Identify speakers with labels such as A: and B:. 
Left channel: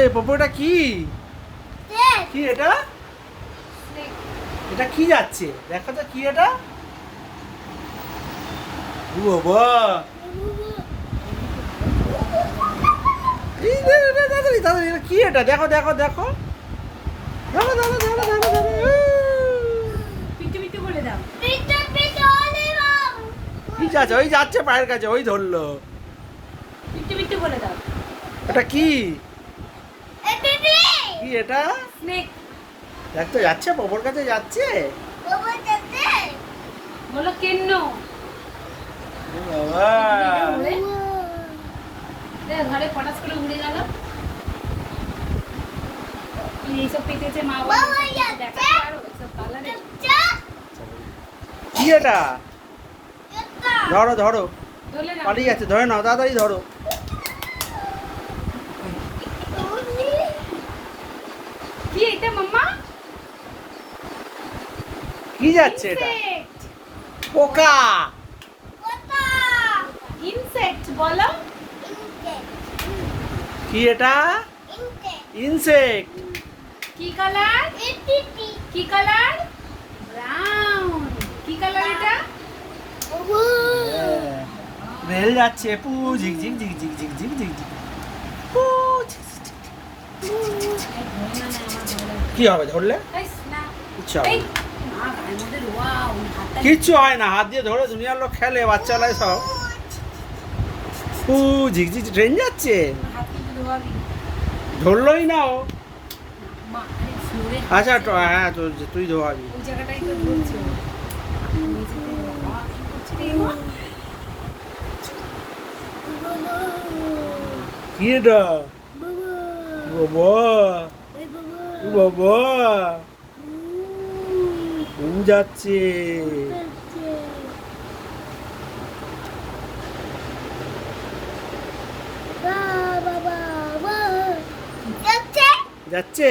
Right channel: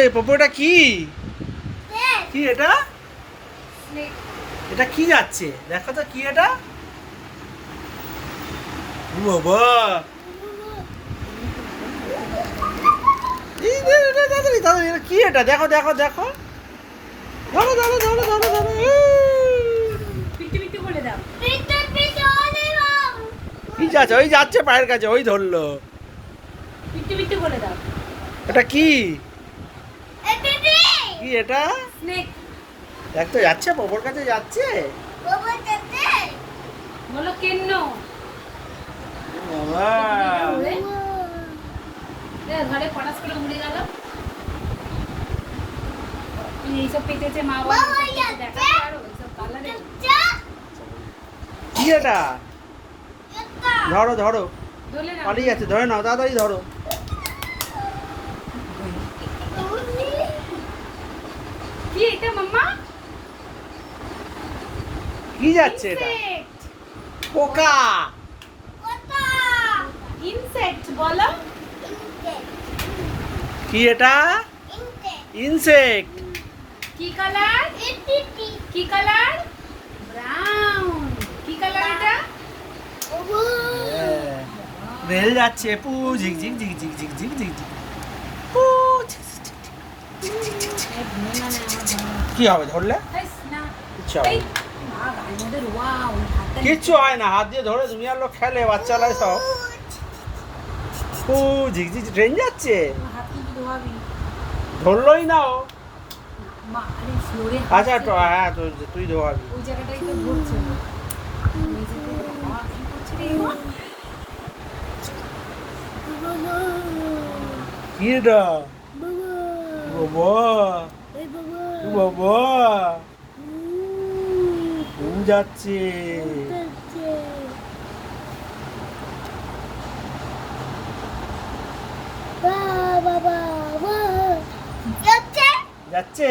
A: হচ্ছে পপোটা কি? কি এটা? এটা কি যাচ্ছে? দেখো তো কি এটা? বাবা। কি এটা? দেখো দেখো দেখো। ধরো
B: ধরো ধরো ধরো ধরো
A: কি যাচ্ছে ওই যাচ্ছে পায়ের কাছে ওই ধরলো। এটা কি? কি এটা?
B: স্নেক
A: দেখ তো যাচ্ছে? পপোর কাছে যাচ্ছে?
B: ঘরে করে উড়ে গেল। এইসব পেতেছে মা বাবা
A: কি এটা? ধরো ধরো। পালিয়ে যাচ্ছে। ধরে নাও তাড়াতাড়ি ধরো।
B: কি এটা মাম্মা?
A: কি যাচ্ছে এটা? পোকা।
B: ইনসেক্ট বলো।
A: কি এটা? ইনসেক্ট
B: কি কালার কি কালার ব্রাউন কি কালার এটা?
A: রেল যাচ্ছে পু ঝিক ঝিক ঝিক ঝিক ঝিক ঝিক ঝিক ঝিক। কি হবে ধরলে? কিচ্ছু হবে কিচ্ছু হয় না হাত দিয়ে ধরে দুনিয়ার লোক খেলে বাচ্চারাই সব। ও ঝিকঝিক ট্রেন যাচ্ছে। ধরলোই না ও। আচ্ছা হ্যাঁ, হ্যাঁ তো তুই ধোয়াবি।
B: কি
A: বাবা। বাবা। ঘুম যাচ্ছে? যাচ্ছে?